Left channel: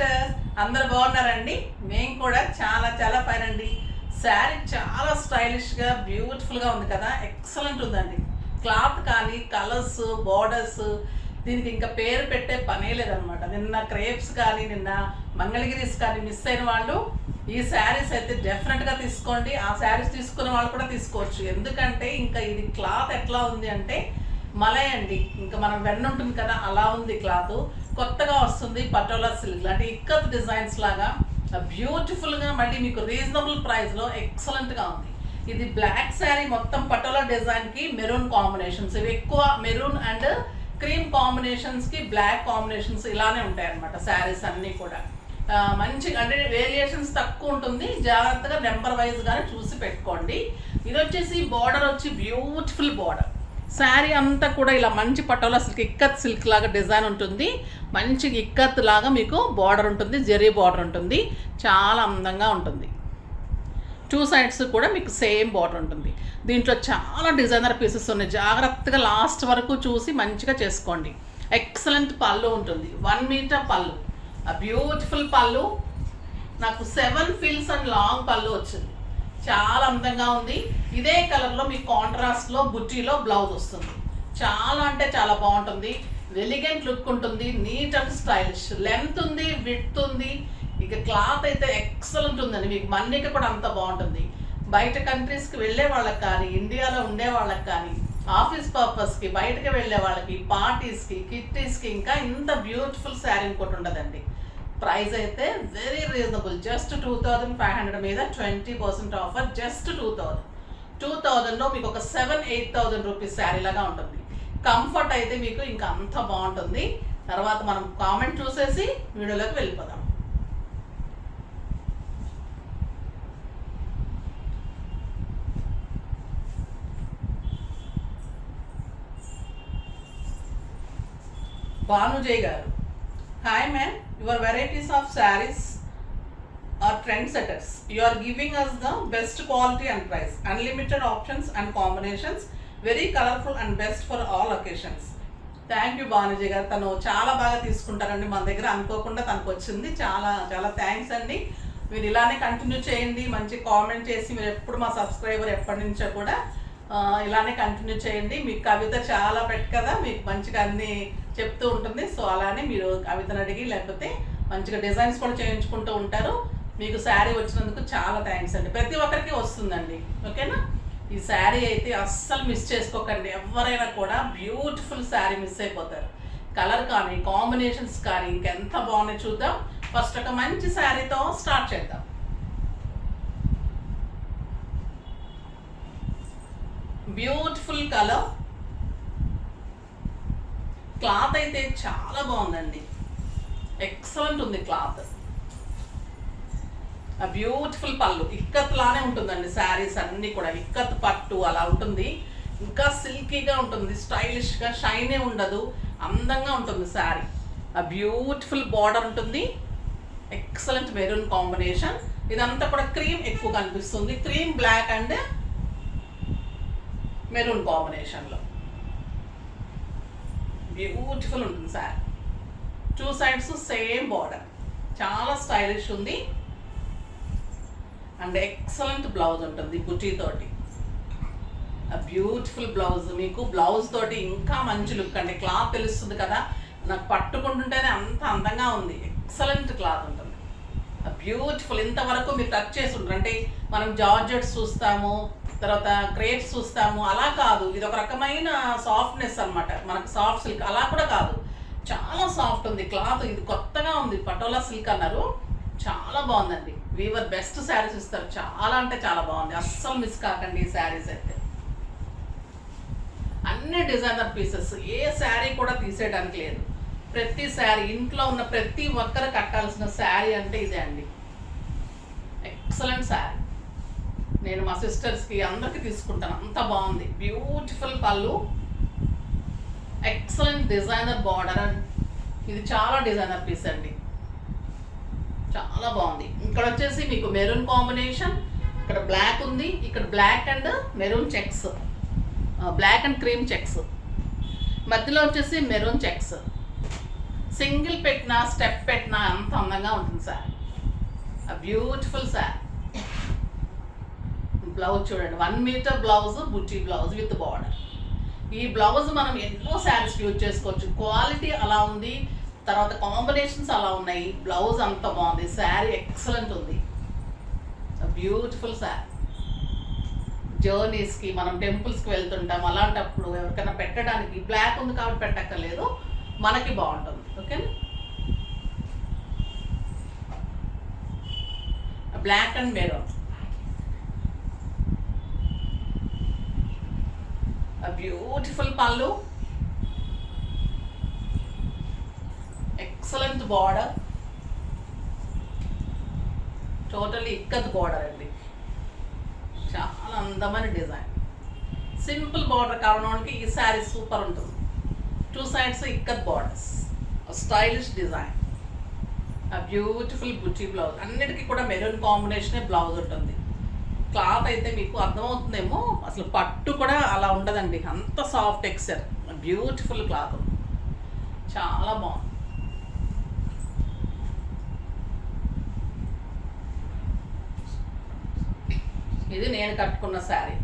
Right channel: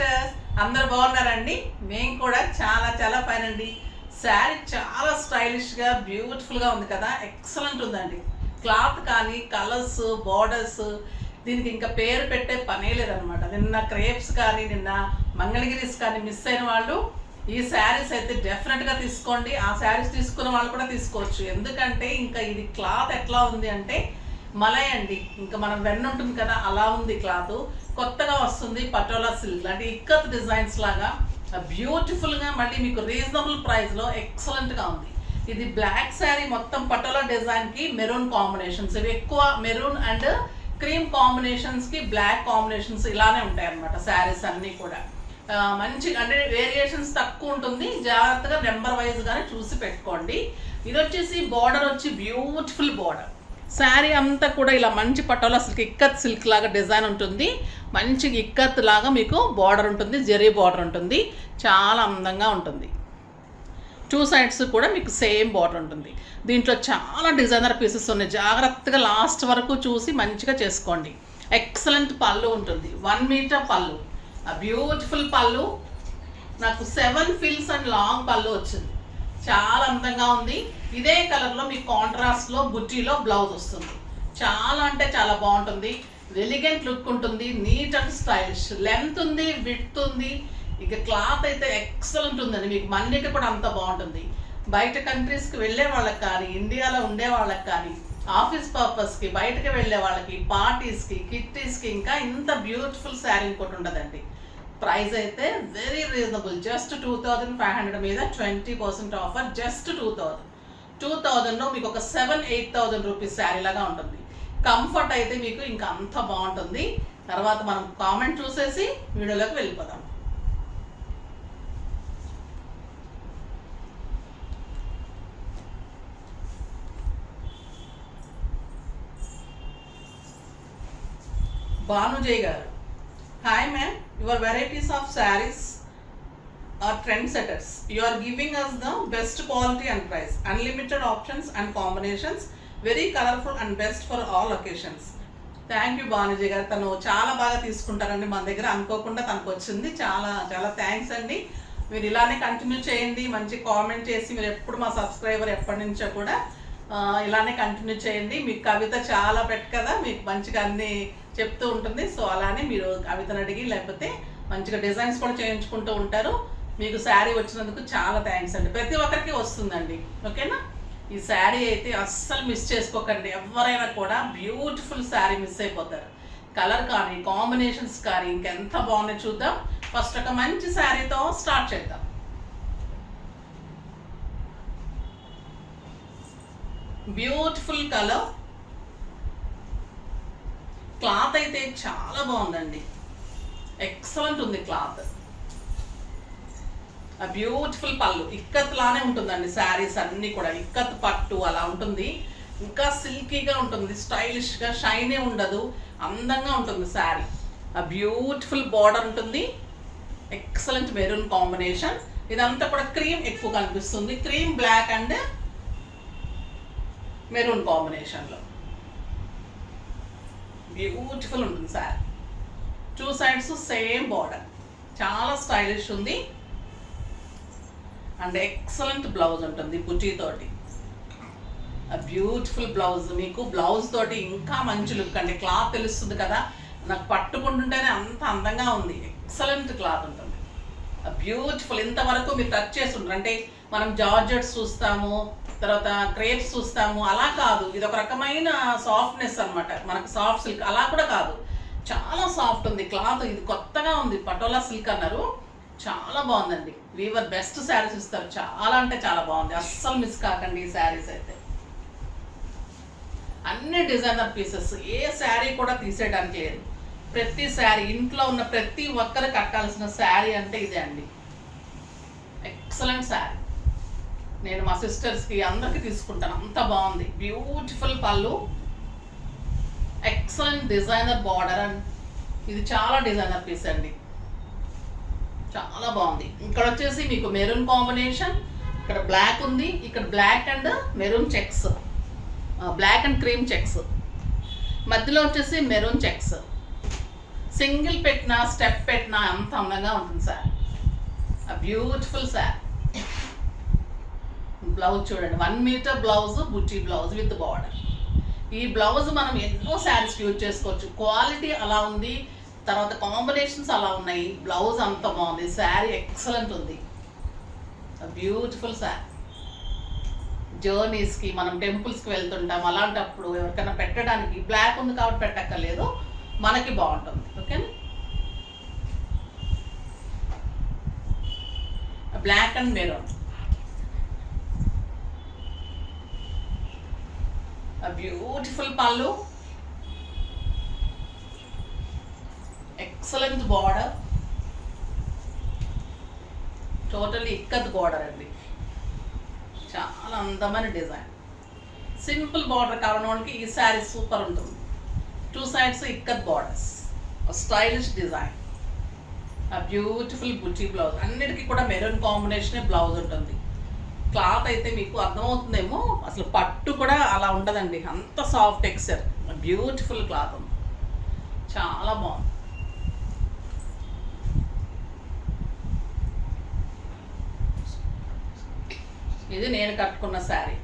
Sisters, అందరు బాగున్నారండి? మేము కూడా చాలా చాలా ఫైన్ అండి. శారీ చాలా స్టైలిష్గా బ్యూటిఫుల్గా ఉంది కదా, ఎక్సలెంట్ ఉందండి. క్లాత్ కానీ కలర్స్, బార్డర్స్, దీనికి ఇంకా పేరు పెట్టే పనే లేదనమాట. నిన్న క్రేప్స్ కానీ నిన్న మంగళగిరీస్ కానీ మిస్ అయిన వాళ్ళు ఈ శారీస్ అయితే డెఫినెట్గా తీసుకోండి. ఆ శారీస్ తీసుకున్న వాళ్ళు కూడా తీసుకోవచ్చు. ఎందుకంటే ఇంకా ఇది క్లాత్ ఎట్లా ఉంది అంటే మలై అండి, ఇంకా మనం వెన్న ఉంటుంది కదా అలా ఉంది క్లాత్. కొత్తగా వస్తుంది పటోలా సిల్క్ అంటే ఇక్కత్ డిజైన్స్ లాగా బ్యూటిఫుల్గా, మళ్ళీ మీకు రీజనబుల్ ప్రైస్లో ఎక్సలెంట్గా ఉంది. ఇది బ్లాక్ శారీ మొత్తం పటోలా డిజైన్కి మెరూన్ కాంబినేషన్స్, ఇవి ఎక్కువ మెరూన్ అండ్ క్రీమ్ కాంబినేషన్స్కి బ్లాక్ కాంబినేషన్స్ ఇలానే ఉంటాయి అన్నమాట. శారీస్ అన్నీ కూడా మంచి అంటే వేరియేషన్స్ తక్కువ ఉంటుంది. జాగ్రత్తగా నెంబర్ వైజ్గానే చూసి పెట్టుకోండి. ఇది వచ్చేసి బార్డర్ వచ్చి బ్యూటిఫుల్ బార్డర్. శారీ అంతా కూడా ఇలా మంచి పటోలా సిల్క్, ఇక్కత్ సిల్క్ లాగా డిజైన్ ఉంటుంది. మంచి ఇక్కత్ లాగా మీకు బార్డర్ ఉంటుంది, జెరీ బార్డర్ ఉంటుంది. చాలా అందంగా ఉంటుంది. టూ సైడ్స్ కూడా మీకు సేమ్ బార్డర్ ఉంటుంది. దీంట్లో చాలా డిజైనర్ పీసెస్ ఉన్నాయి. జాగ్రత్తగా లాస్ట్ వరకు చూసి మంచిగా చేసుకోండి. ఎక్సలెంట్ పళ్ళు ఉంటుంది, 1 మీటర్ పళ్ళు, బ్యూటిఫుల్ పళ్ళు. నాకు 7 ఫీల్స్ అండ్ లాంగ్ పళ్ళు వచ్చింది. చాలా అందంగా ఉంది. ఇదే కలర్లో మీకు కాంట్రాస్ట్లో బుట్టీలో బ్లౌజ్ వస్తుంది. చాలా అంటే చాలా బాగుంటుంది. ఎలిగెంట్ లుక్ ఉంటుంది, నీట్ అండ్ స్టైలిష్. లెంత్ ఉంది, విడ్త్ ఉంది. ఇక క్లాత్ అయితే ఎక్సలెంట్ ఉందండి. మీకు మన్నిక కూడా అంత బాగుంటుంది. బయట కంట్రీస్కి వెళ్ళే వాళ్ళకి కానీ, ఇండియాలో ఉండే వాళ్ళకి కానీ, ఆఫీస్ పర్పస్కి బయటకి వెళ్ళే వాళ్ళకి, పార్టీస్కి, కిట్టీస్కి ఇంకా ఇంత బ్యూటిఫుల్ శారీ ఇంకోటి ఉండదండి. ప్రైస్ అయితే వెరీ రీజనబుల్, జస్ట్ 2500 మీద 20% ఆఫర్, జస్ట్ 2000లో మీకు ఒక 7,000-8,000 రూపీస్ శారీ లాగా ఉంటుంది. కంఫర్ట్ అయితే మీకు ఇంకా అంత బాగుంటుంది. తర్వాత మనం కామెంట్ చూసేసి వీడియోలోకి వెళ్ళిపోదాం. భానుజయ్ గారు, hi ma'am, your varieties of sarees are trendsetters. You are giving us the best quality and price, unlimited options and combinations, very colorful and best for all occasions. Thank you Bhanujay గారు. తను చాలా బాగా తీసుకుంటారండి మన దగ్గర, అనుకోకుండా తనకు వచ్చింది. చాలా చాలా థ్యాంక్స్ అండి. మీరు ఇలానే కంటిన్యూ చేయండి. మంచి కామెంట్ చేసి, మీరు ఎప్పుడు మా సబ్స్క్రైబర్ ఎప్పటి నుంచో కూడా ఇలానే కంటిన్యూ చేయండి. మీకు కవిత చాలా కదా, మీకు మంచిగా అన్నీ చెప్తూ ఉంటుంది. సో అలానే మీరు కవితను అడిగి లేకపోతే మంచిగా డిజైన్స్ కూడా చేయించుకుంటూ ఉంటారు. మీకు శారీ వచ్చినందుకు చాలా థ్యాంక్స్ అండి. ప్రతి ఒక్కరికి వస్తుందండి, ఓకేనా? ఈ శారీ అయితే అస్సలు మిస్ చేసుకోకండి. ఎవరైనా కూడా బ్యూటిఫుల్ శారీ మిస్ అయిపోతారు. కలర్ కానీ కాంబినేషన్స్ కానీ ఇంకెంత బాగున్నాయి చూద్దాం. ఫస్ట్ ఒక మంచి శారీతో స్టార్ట్ చేద్దాం. బ్యూటిఫుల్ కలర్, క్లాత్ అయితే చాలా బాగుందండి. ఎక్సలెంట్ ఉంది క్లాత్. ఆ బ్యూటిఫుల్ పళ్ళు, ఇక్కత్ లానే ఉంటుందండి. శారీస్ అన్నీ కూడా ఇక్కత్ పట్టు అలా ఉంటుంది. ఇంకా సిల్కీగా ఉంటుంది, స్టైలిష్గా, షైనే ఉండదు, అందంగా ఉంటుంది శారీ. ఆ బ్యూటిఫుల్ బార్డర్ ఉంటుంది. Excellent maroon combination. ఇదంతా కూడా క్రీమ్ ఎక్కువ కనిపిస్తుంది. క్రీమ్, బ్లాక్ అండ్ మెరూన్ కాంబినేషన్లో బ్యూటిఫుల్ ఉంటుంది sari. Two sides same border, చాలా స్టైలిష్ ఉంది. అండ్ ఎక్సలెంట్ బ్లౌజ్ ఉంటుంది బుటీతోటి. ఆ బ్యూటిఫుల్ బ్లౌజ్, మీకు బ్లౌజ్ తోటి ఇంకా మంచి లుక్ అండి. క్లాత్ తెలుస్తుంది కదా, నాకు పట్టుకుంటుంటేనే అంత అందంగా ఉంది. ఎక్సలెంట్ క్లాత్ ఉంటుంది. బ్యూటిఫుల్. ఇంతవరకు మీరు టచ్ చేసి ఉంటారు అంటే మనం జార్జెట్స్ చూస్తాము, తర్వాత క్రేప్స్ చూస్తాము, అలా కాదు. ఇది ఒక రకమైన సాఫ్ట్నెస్ అనమాట. మనకు సాఫ్ట్ సిల్క్ అలా కూడా కాదు, చాలా సాఫ్ట్ ఉంది క్లాత్. ఇది కొత్తగా ఉంది, పటోలా సిల్క్ అన్నారు. చాలా బాగుందండి. వీవర్ బెస్ట్ శారీస్ ఇస్తారు. చాలా అంటే చాలా బాగుంది. అస్సలు మిస్ కాకండి ఈ శారీస్ అయితే. అన్ని డిజైనర్ పీసెస్, ఏ శారీ కూడా తీసేయడానికి లేదు. ప్రతి శారీ, ఇంట్లో ఉన్న ప్రతి ఒక్కరు కట్టాల్సిన శారీ అంటే ఇదే అండి. ఎక్సలెంట్ శారీ. నేను మా సిస్టర్స్కి అందరికీ తీసుకుంటాను, అంత బాగుంది. బ్యూటిఫుల్ పళ్ళు, ఎక్సలెంట్ డిజైనర్ బార్డర్. ఇది చాలా డిజైనర్ పీస్ అండి, చాలా బాగుంది. ఇక్కడ వచ్చేసి మీకు మెరూన్ కాంబినేషన్, ఇక్కడ బ్లాక్ ఉంది, ఇక్కడ black and maroon checks, black and cream checks, మధ్యలో వచ్చేసి మెరూన్ చెక్స్. సింగిల్ పెట్టినా స్టెప్ పెట్టినా అంత అందంగా ఉంటుంది సార్. Beautiful sir. బ్లౌజ్ చూడండి, 1 మీటర్ బ్లౌజ్, బుట్టి బ్లౌజ్ విత్ బార్డర్. ఈ బ్లౌజ్ మనం ఎన్నో శారీస్ యూజ్ చేసుకోవచ్చు. క్వాలిటీ అలా ఉంది, తర్వాత కాంబినేషన్స్ అలా ఉన్నాయి, బ్లౌజ్ అంత బాగుంది, శారీ ఎక్సలెంట్ ఉంది. బ్యూటిఫుల్ శారీ. జర్నీస్కి, మనం టెంపుల్స్కి వెళ్తుంటాం, అలాంటప్పుడు ఎవరికైనా పెట్టడానికి బ్లాక్ ఉంది కాబట్టి పెట్టక్కర్లేదు, మనకి బాగుంటుంది. ఓకేనా? Black and maroon. బ్యూటిఫుల్ పళ్ళు, excellent border, totally ikat border అండి. చాలా అందమైన డిజైన్. సింపుల్ బార్డర్ కావడానికి ఈ శారీ సూపర్ ఉంటుంది. 2 sides ikat borders, stylish design. Beautiful బుట్టి బ్లౌజ్. అన్నిటికీ కూడా మెరూన్ కాంబినేషనే బ్లౌజ్ ఉంటుంది. క్లాత్ అయితే మీకు అర్థమవుతుందేమో, అసలు పట్టు కూడా అలా ఉండదండి, అంత సాఫ్ట్ టెక్స్చర్. బ్యూటిఫుల్ క్లాత్ ఉంది, చాలా బాగుంది. ఇది నేను కట్టుకున్న శారీ,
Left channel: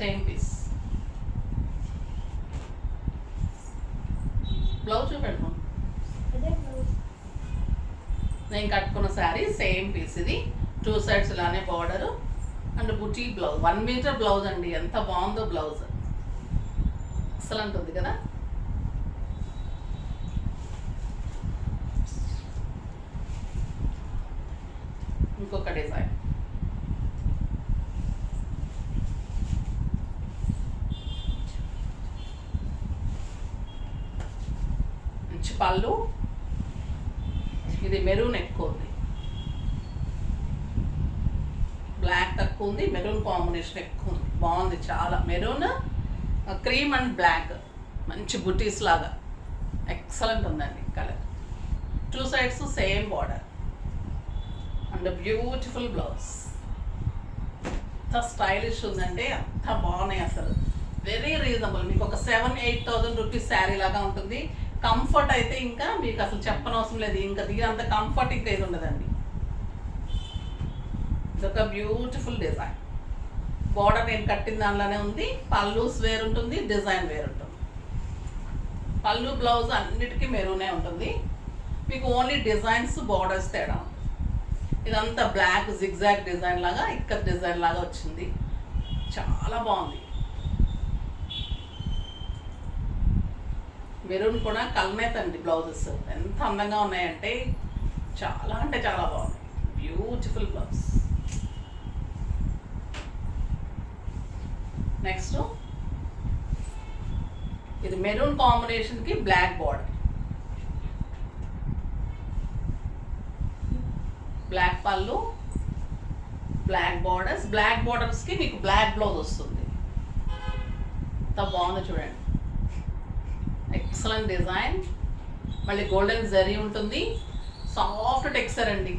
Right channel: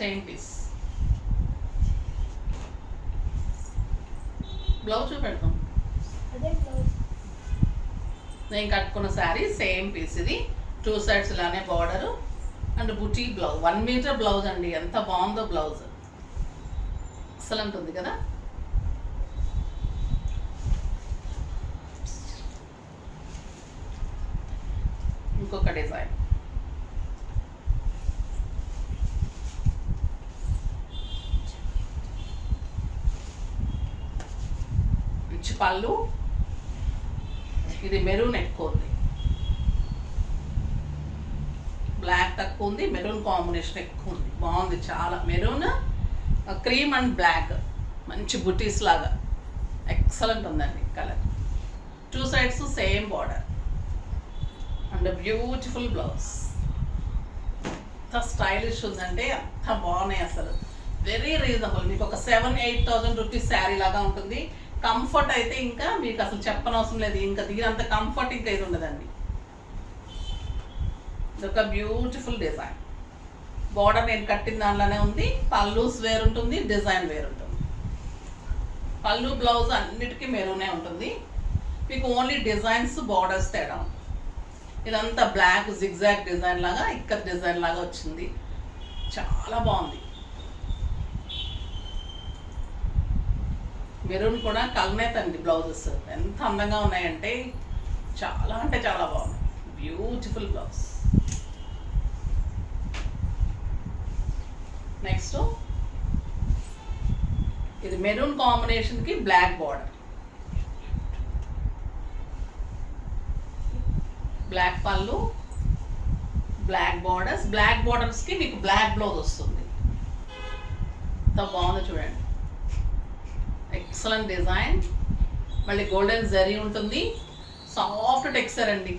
సేమ్ పీస్. బ్లౌజ్ చూపెడతాం. నేను కట్టుకున్న శారీ సేమ్ పీస్. ఇది 2 sides ఇలానే border and buti blouse. 1 metre blouse అండి, ఎంత బాగుందో బ్లౌజ్, ఎక్సలెంట్ ఉంది కదా. ఇంకొక డిజైన్. మంచి పళ్ళు. ఇది మెరూన్ ఎక్కువ ఉంది, బ్లాక్ తక్కువ ఉంది, మెరూన్ కాంబినేషన్ ఎక్కువ ఉంది. బాగుంది చాలా. మెరూన్, క్రీమ్ అండ్ బ్లాక్, మంచి బుటీస్ లాగా ఎక్సలెంట్ ఉందండి colour. 2 sides same border and beautiful blouse. ఎంత స్టైలిష్ ఉందంటే అంత బాగున్నాయి అసలు. Very reasonable. మీకు ఒక 7,000-8,000 రూపీస్ శారీ లాగా ఉంటుంది. కంఫర్ట్ అయితే ఇంకా మీకు అసలు చెప్పనవసరం లేదు. ఇంకా దీనంత కంఫర్ట్ ఇంకా ఇది ఉండదండి. ఇదొక బ్యూటిఫుల్ డిజైన్. బార్డర్ నేను కట్టిన దానిలోనే ఉంది. పల్లూస్ వేరుంటుంది, డిజైన్ వేరుంటుంది. పళ్ళు బ్లౌజ్ అన్నిటికీ మెరూనే ఉంటుంది. మీకు ఓన్లీ డిజైన్స్ బార్డర్స్ తేడా ఉంటుంది. ఇదంతా బ్లాక్ జిగ్జాగ్ డిజైన్ లాగా, ఇక్కత్ డిజైన్ లాగా వచ్చింది, చాలా బాగుంది. మెరూన్ కూడా కల్నేత్ అండి బ్లౌజెస్, ఎంత అందంగా ఉన్నాయంటే చాలా అంటే చాలా బాగుంది. Beautiful blouse. నెక్స్ట్ ఇది మెరూన్ కాంబినేషన్కి బ్లాక్ బార్డర్, బ్లాక్ పళ్ళు, బ్లాక్ బార్డర్స్. బ్లాక్ బార్డర్స్కి మీకు బ్లాక్ బ్లౌజ్ వస్తుంది. ఎంత బాగుందో చూడండి, ఎక్సలెంట్ డిజైన్. మళ్ళీ గోల్డెన్ జరీ ఉంటుంది, సాఫ్ట్ టెక్స్చర్ అండి.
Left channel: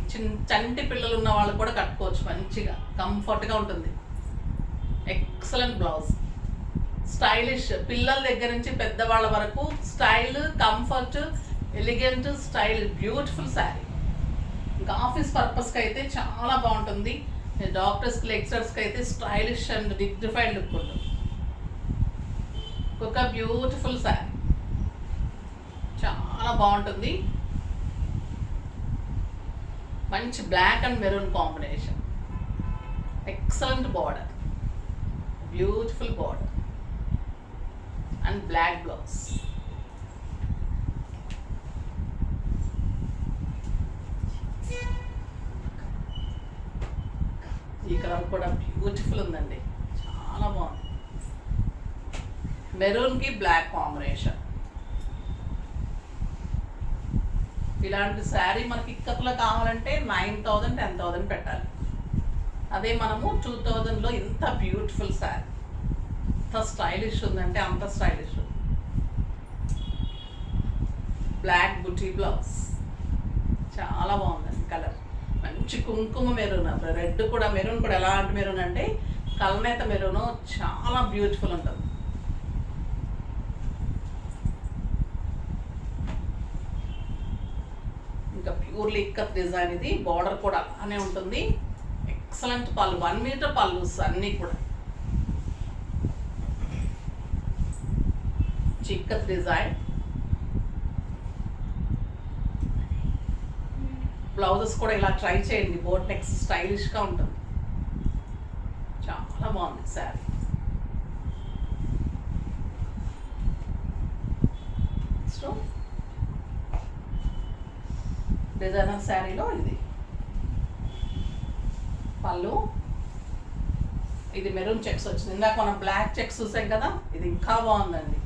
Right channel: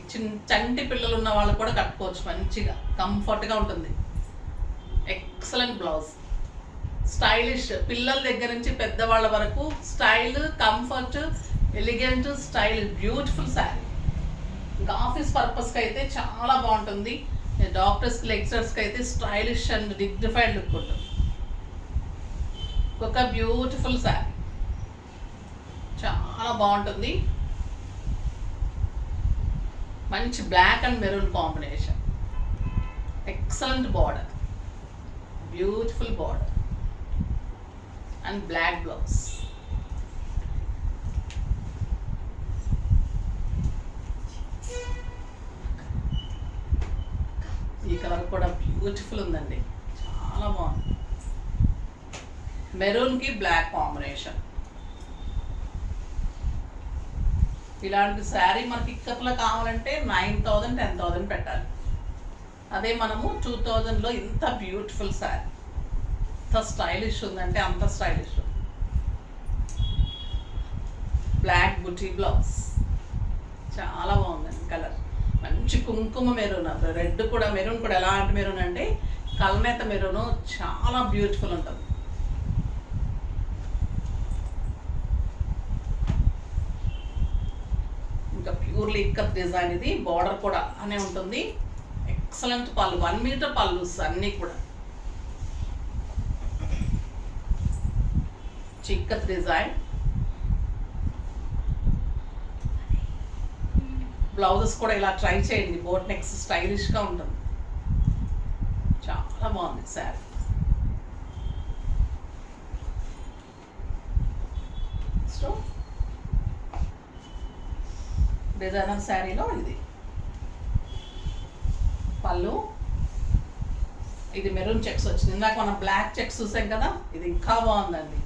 చంటి పిల్లలు ఉన్న వాళ్ళు కూడా కట్టుకోవచ్చు, మంచిగా కంఫర్ట్గా ఉంటుంది. Excellent blouse, stylish. పిల్లల దగ్గర నుంచి పెద్దవాళ్ళ వరకు style, comfort, elegant style. Beautiful sari. ఇంకా ఆఫీస్ పర్పస్కి అయితే చాలా బాగుంటుంది. డాక్టర్స్కి, లెక్చరర్స్కి అయితే స్టైలిష్ అండ్ డిగ్నిఫైడ్ లుక్ ఉంటుంది. ఒక బ్యూటిఫుల్ శారీ, చాలా బాగుంటుంది. మంచి black and maroon combination, excellent border, beautiful border and black blouse. ఈ కలర్ కూడా బ్యూటిఫుల్ ఉందండి, చాలా బాగుంది. మెరూన్కి బ్లాక్ కాంబినేషన్. ఇలాంటి శారీ మనకి ఇక్కత్లో కావాలంటే 9,000, 10,000 పెట్టాలి. అదే మనము 2,000లో ఇంత బ్యూటిఫుల్ శారీ, ఎంత స్టైలిష్ ఉందంటే అంత స్టైలిష్. బ్లాక్ బుటీ బ్లౌజ్, చాలా బాగుందండి కలర్. మంచి కుంకుమ మెరూన్, రెడ్ కూడా, మెరూన్ కూడా ఎలాంటి మెరూన్ అంటే కల్నేత మెరూన్, చాలా బ్యూటిఫుల్ ఉంటుంది. Purely ikat design. ఇది బార్డర్ కూడా అనే ఉంటుంది. ఎక్సలెంట్ పళ్ళు, 1 మీటర్ పళ్ళు అన్నీ కూడా ఇక్కత్ డిజైన్. బ్లౌజెస్ కూడా ఇలా ట్రై చేయండి, బోట్ నెక్స్ స్టైలిష్గా ఉంటుంది. చాలా బాగుంది శారీ. సో డిజైనర్ శారీలో ఇది పళ్ళు. ఇది మెరూన్ చెక్స్ వచ్చింది. ఇందాక మనం బ్లాక్ చెక్స్ చూసాం కదా, ఇది ఇంకా బాగుందండి.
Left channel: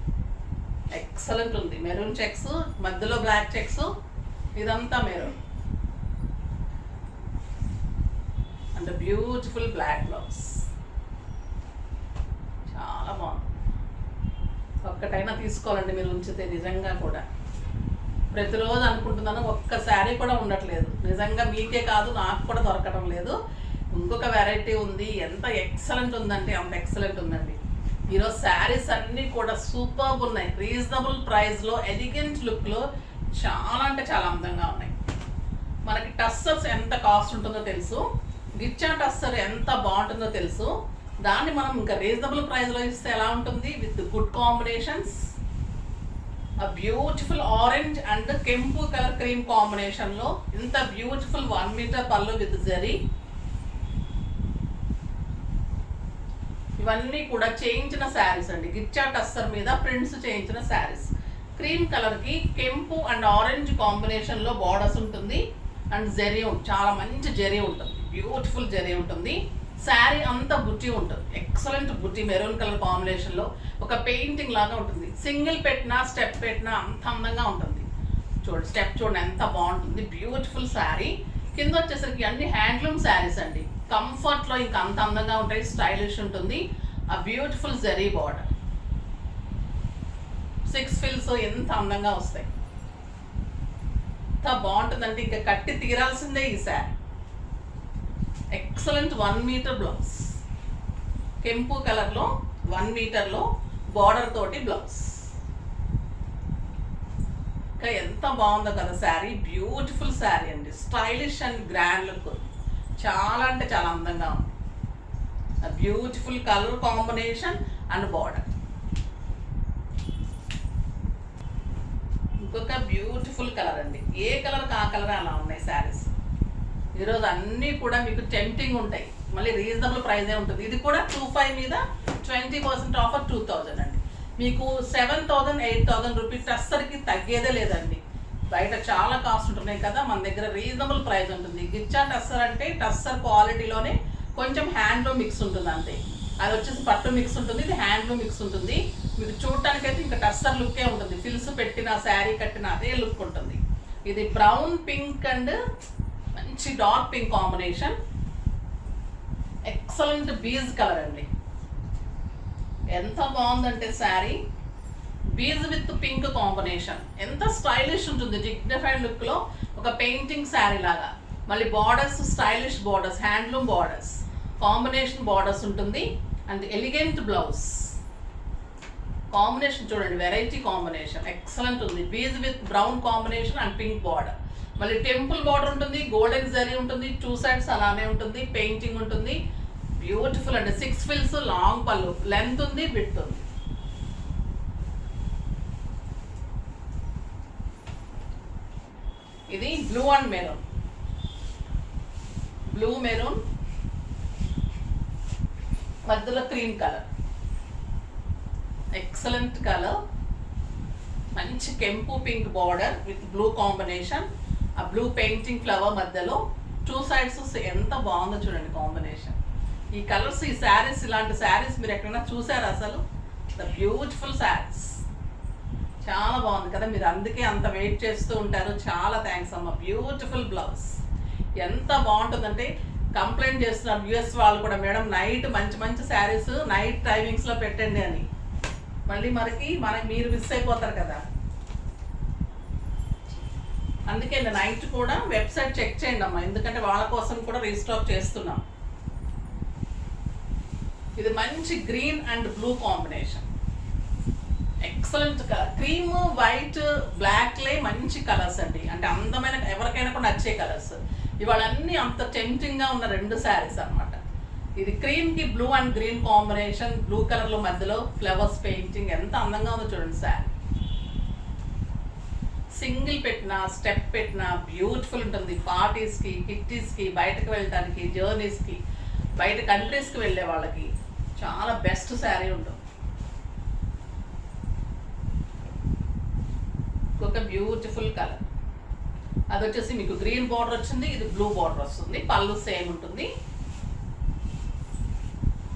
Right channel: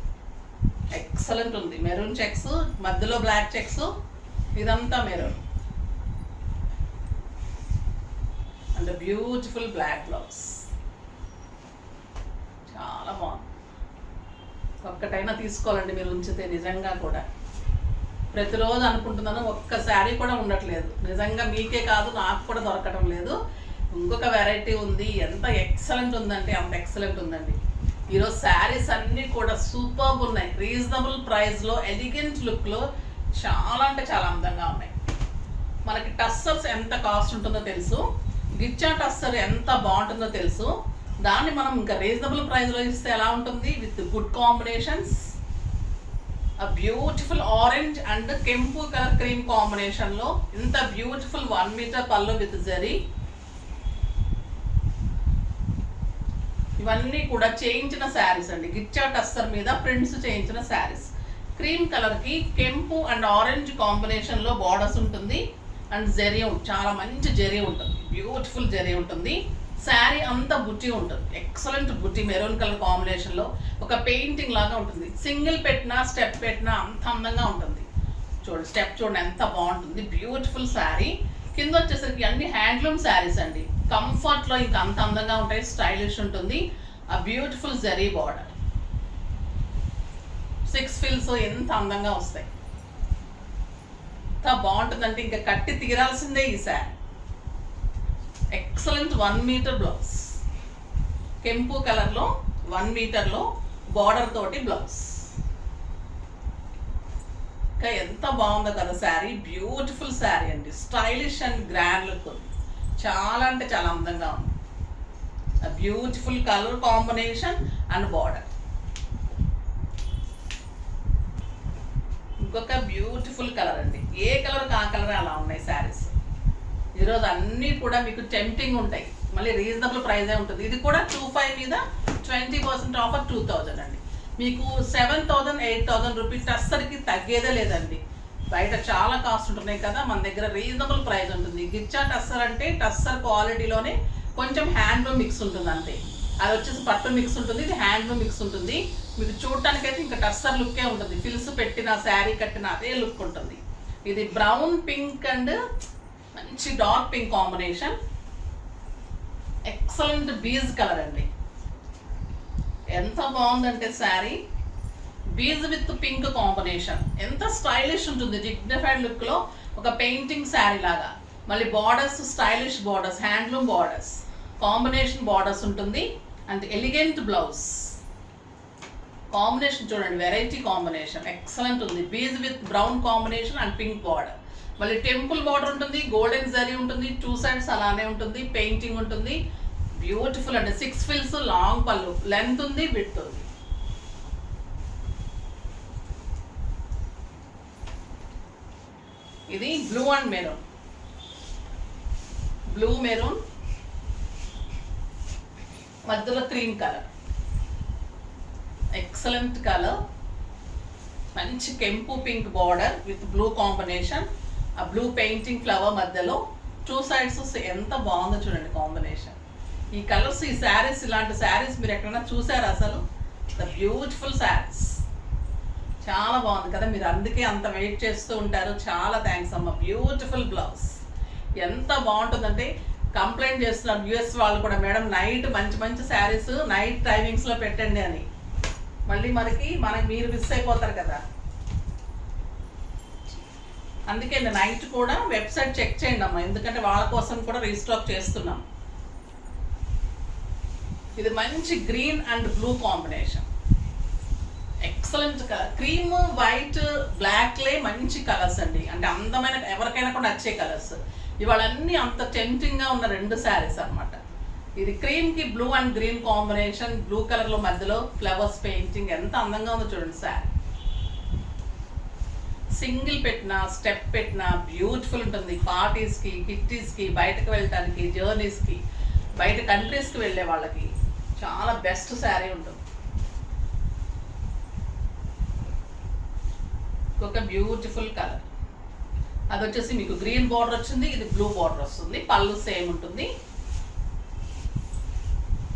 ఎక్సలెంట్ ఉంది. మెరూన్ చెక్స్ మధ్యలో బ్లాక్ చెక్స్, ఇదంతా maroon and beautiful black blouse. చాలా బాగుంది. ఒక్కటైనా తీసుకోవాలండి మీరు ఉంచితే. నిజంగా కూడా ప్రతిరోజు అనుకుంటున్నాను, ఒక్క శారీ కూడా ఉండట్లేదు. నిజంగా మీకే కాదు, నాకు కూడా దొరకడం లేదు. ఇంకొక వెరైటీ ఉంది. ఎంత ఎక్సలెంట్ ఉందంటే అంత ఎక్సలెంట్ ఉందండి. ఈరోజు శారీస్ అన్నీ కూడా సూపర్బ్ ఉన్నాయి. రీజనబుల్ ప్రైస్లో, ఎలిగెంట్ లుక్లో చాలా అంటే చాలా అందంగా ఉన్నాయి. మనకి టస్సర్స్ ఎంత కాస్ట్ ఉంటుందో తెలుసు, గిచ్చా టస్సర్ ఎంత బాగుంటుందో తెలుసు. దాన్ని మనం ఇంకా రీజనబుల్ ప్రైస్లో ఇస్తే ఎలా ఉంటుంది, విత్ గుడ్ కాంబినేషన్స్. ఆ బ్యూటిఫుల్ ఆరెంజ్ అండ్ కెంపు కలర్ క్రీమ్ కాంబినేషన్లో ఇంత బ్యూటిఫుల్ 1 మీటర్ పళ్ళు విత్ జరీ. ఇవన్నీ కూడా చేయించిన శారీస్ అండి. గిచ్చా టస్సర్ మీద ప్రింట్స్ చేయించిన శారీస్. క్రీమ్ కలర్కి కెంపు అండ్ ఆరెంజ్ కాంబినేషన్లో బార్డర్స్ ఉంటుంది. అండ్ జరీ చాలా మంచి జరీ ఉంటుంది, బ్యూటిఫుల్ జరీ ఉంటుంది. శారీ అంతా బుట్టి ఉంటుంది, ఎక్సలెంట్ బుట్టి. మెరూన్ కలర్ కాంబినేషన్లో ఒక పెయింటింగ్ లాగా ఉంటుంది. సింగిల్ పెట్టినా స్టెప్ పెట్టినా అంత అందంగా ఉంటుంది. చూడండి స్టెప్ చూడండి ఎంత బాగుంటుంది. బ్యూటిఫుల్ శారీ. కింద వచ్చేసరికి అన్ని హ్యాండ్లూమ్ శారీస్ అండి. కంఫర్ట్లో ఇంకా అంత అందంగా ఉంటాయి, స్టైలిష్ ఉంటుంది. ఆ బ్యూటిఫుల్ జరీ బార్డర్, 6 ఫిల్స్ ఎంత అందంగా వస్తాయి. ఎంత బాగుంటుందంటే ఇంకా కట్టి తీరాల్సిందే ఈ శారీ. ఎక్సలెంట్ 1 మీటర్ బ్లౌజ్, కెంపు కలర్లో 1 మీటర్లో బార్డర్ తోటి బ్లౌజ్. ఇంకా ఎంత బాగుందో కదా శారీ. బ్యూటిఫుల్ శారీ అండి, స్టైలిష్ అండ్ గ్రాండ్ లుక్. చాలా అంటే చాలా అందంగా ఉంది. Beautiful colour combination and border. ఇంకొక బ్యూటిఫుల్ కలర్ అండి. ఏ కలర్ ఆ కలర్ అలా ఉన్నాయి శారీస్. ఈరోజు అన్నీ కూడా మీకు టెంప్టింగ్ ఉంటాయి, మళ్ళీ రీజనబుల్ ప్రైజే ఉంటుంది. ఇది కూడా 25 మీద 20% ఆఫర్ 2000 అండి. మీకు 7000 8000 రూపీస్ టస్సర్కి తగ్గేదే లేదండి. బయట చాలా కాస్ట్ ఉంటున్నాయి కదా, మన దగ్గర రీజనబుల్ ప్రైస్ ఉంటుంది. గిచ్చా టస్సర్ అంటే టస్సర్ క్వాలిటీలోనే కొంచెం హ్యాండ్లూమ్ మిక్స్ ఉంటుంది అంతే. అది వచ్చేసి పట్టు మిక్స్ ఉంటుంది, ఇది హ్యాండ్లూమ్ మిక్స్ ఉంటుంది. మీకు చూడటానికైతే ఇంకా టస్సర్ లుక్కే ఉంటుంది. ఫిల్స్ పెట్టిన శారీ కట్టిన అదే లుక్ ఉంటుంది. ఇది బ్రౌన్ పింక్ అండ్ మంచి dark pink combination. Excellent beige colour అండి. ఎంత బాగుందంటే sari, beige with pink combination. ఎంత స్టైలిష్ ఉంటుంది, డిగ్నిఫైడ్ లుక్లో ఒక పెయింటింగ్ శారీ లాగా. మళ్ళీ borders stylish borders, handloom borders, combination borders ఉంటుంది. అండ్ ఎలిగెంట్ బ్లౌజ్ కాంబినేషన్ చూడండి, వెరైటీ కాంబినేషన్ ఎక్సలెంట్ ఉంది. Beige with brown combination and pink border. మళ్ళీ టెంపుల్ బార్డర్ ఉంటుంది, గోల్డెన్ జరీ ఉంటుంది, 2 సైడ్స్ అలానే ఉంటుంది, పెయింటింగ్ ఉంటుంది. బ్యూటిఫుల్ అండి. 6 ఫిల్స్, లాంగ్ పళ్ళు, లెంత్ ఉంది, విడ్త్ ఉంది. ఇది blue and maroon, blue maroon మధ్యలో క్రీమ్ కలర్. Excellent colour. మంచి కెంపు pink border with blue combination. ఆ బ్లూ పెయింటింగ్ ఫ్లవర్ మధ్యలో 2 సైడ్స్ ఎంత బాగుందో చూడండి కాంబినేషన్. ఈ కలర్స్, ఈ శారీస్, ఇలాంటి శారీస్ మీరు ఎక్కడైనా చూసారా అసలు? The beautiful saris. చాలా బాగుంది కదా, మీరు అందుకే అంత వెయిట్ చేస్తూ ఉంటారు. చాలా థ్యాంక్స్ అమ్మ. బ్యూటిఫుల్ బ్లౌజ్ ఎంత బాగుంటుందంటే కంప్లైంట్ చేస్తున్నారు యూఎస్ వాళ్ళు కూడా, మేడం నైట్ మంచి మంచి శారీస్ నైట్ టైమింగ్స్లో పెట్టండి అని. మళ్ళీ మనకి మీరు మిస్ అయిపోతారు కదా, అందుకే నైట్ కూడా వెబ్సైట్ చెక్ చేయండి అమ్మా, ఎందుకంటే వాళ్ళ కోసం కూడా రీస్టాక్ చేస్తున్నాం. ఇది మంచి green and blue combination, excellent colour, cream white బ్లాక్లే మంచి కలర్స్ అండి. అంటే అందమైన ఎవరికైనా కూడా నచ్చే కలర్స్. ఇవాళ అన్నీ అంత టెంప్టింగ్గా ఉన్న 2 శారీస్ అనమాట. ఇది క్రీమ్కి blue and green combination, blue కలర్లో మధ్యలో ఫ్లవర్స్ పెయింటింగ్ ఎంత అందంగా ఉందో చూడండి శారీ. సింగిల్ పెట్టినా స్టెప్ పెట్టినా బ్యూటిఫుల్ ఉంటుంది. పార్టీస్కి, కిట్టీస్కి, బయటకు వెళ్ళటానికి, జర్నీస్కి, బయట కంట్రీస్కి వెళ్ళే వాళ్ళకి చాలా బెస్ట్ శారీ ఉంటుంది. ఒక బ్యూటిఫుల్ కలర్, అది వచ్చేసి మీకు గ్రీన్ బార్డర్ వచ్చింది, ఇది బ్లూ బార్డర్ వస్తుంది. పళ్ళు సేమ్ ఉంటుంది,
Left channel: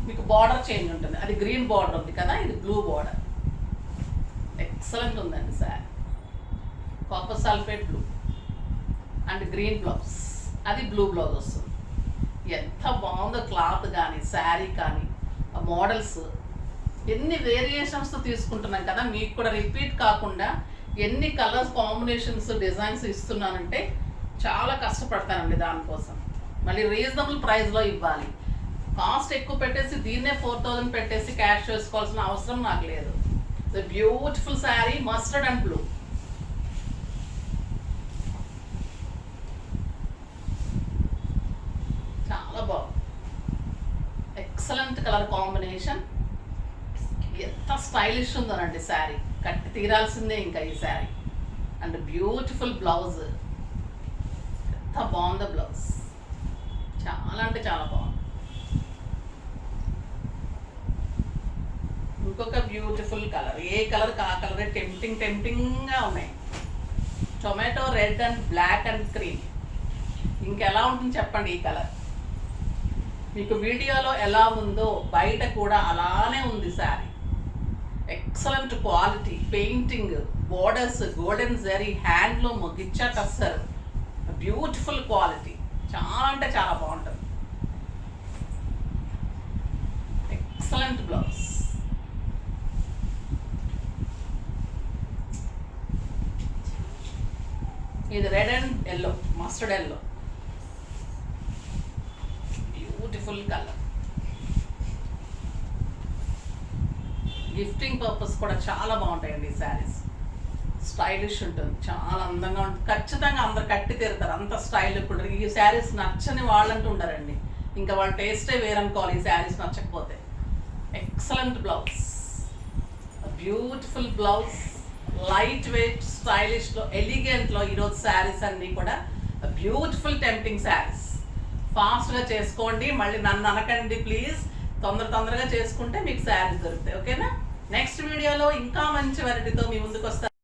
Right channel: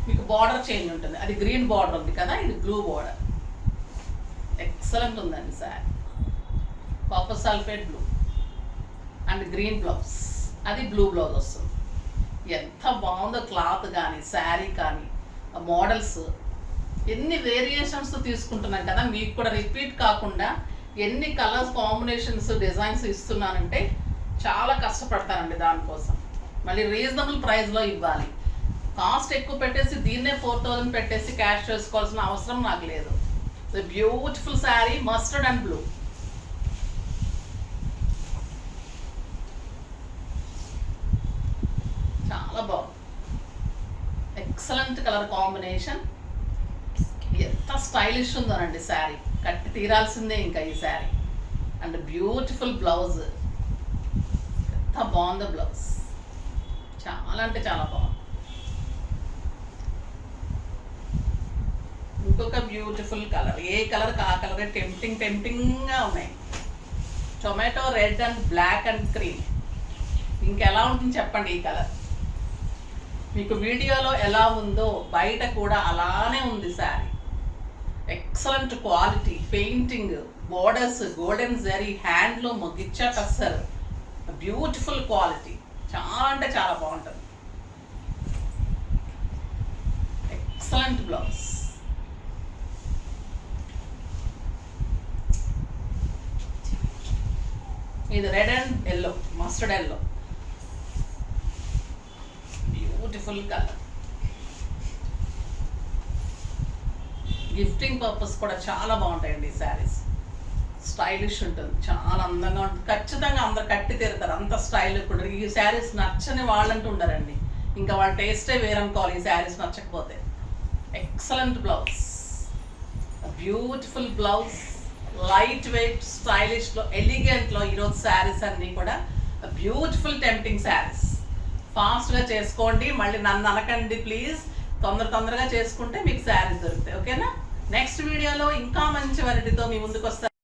మీకు బార్డర్ చేంజ్ ఉంటుంది. అది గ్రీన్ బార్డర్ ఉంది కదా, ఇది బ్లూ బార్డర్. ఎక్సలెంట్ ఉందండి sari. Copper sulphate blue and green blouse, అది బ్లూ బ్లౌజ్ వస్తుంది. ఎంత బాగుందో క్లాత్ కానీ శారీ కానీ, ఆ మోడల్స్ ఎన్ని వేరియేషన్స్తో తీసుకుంటున్నాం కదా, మీకు కూడా రిపీట్ కాకుండా ఎన్ని కలర్స్ కాంబినేషన్స్ డిజైన్స్ ఇస్తున్నానంటే చాలా కష్టపడతానండి దానికోసం. మళ్ళీ రీజనబుల్ ప్రైస్లో ఇవ్వాలి. కాస్ట్ ఎక్కువ పెట్టేసి దీన్నే 4000 పెట్టేసి క్యాష్ చేసుకోవాల్సిన అవసరం నాకు లేదు. Beautiful sari, mustard and blue. చాలా బాగుంది, ఎక్సలెంట్ కలర్ కాంబినేషన్. ఎంత స్టైలిష్ ఉందోనండి శారీ, కట్టి తీరాల్సిందే ఇంకా ఈ శారీ. అండ్ బ్యూటిఫుల్ బ్లౌజ్, ఎంత బాగుందో బ్లౌజ్, చాలా అంటే చాలా బాగుంది. ఇంకొక బ్యూటిఫుల్ కలర్, ఏ కలర్ ఆ కలరే టెంప్టింగ్గా ఉన్నాయి. Tomato red and black and cream. ఇంకెలా ఉంటుంది చెప్పండి ఈ కలర్. మీకు వీడియోలో ఎలా ఉందో బయట కూడా అలానే ఉంది sari. Excellent quality, painting, borders, golden zari, handloom, ghicha tussar, beautiful quality, చాలా అంటే చాలా బాగుంటుంది. Excellent blouse. ఇది red and yellow, mustard yellow, beautiful colour. Gifting purpose కూడా చాలా బాగుంటాయండి ఈ శారీస్. స్టైలిష్ ఉంటుంది, చాలా అందంగా ఉంటుంది. ఖచ్చితంగా అందరు కట్టి తీరుతారు, అంత స్టైల్ కూడా. ఈ శారీస్ నచ్చని వాళ్ళంటూ ఉండరండి, ఇంకా వాళ్ళ టేస్టే వేరనుకోవాలి ఈ శారీస్ నచ్చకపోతే. Excellent blouse, beautiful blouse, light weight, స్టైలిష్లో, ఎలిగెంట్లో ఈరోజు శారీస్ అన్నీ కూడా బ్యూటిఫుల్ టెంప్టింగ్ శారీస్. ఫాస్ట్గా చేసుకోండి, మళ్ళీ నన్ను అనకండి ప్లీజ్. తొందరగా చేసుకుంటే మీకు శారీస్ దొరుకుతాయి. ఓకేనా? నెక్స్ట్ వీడియోలో ఇంకా మంచి వెరైటీతో మీ ముందుకు వస్తాను.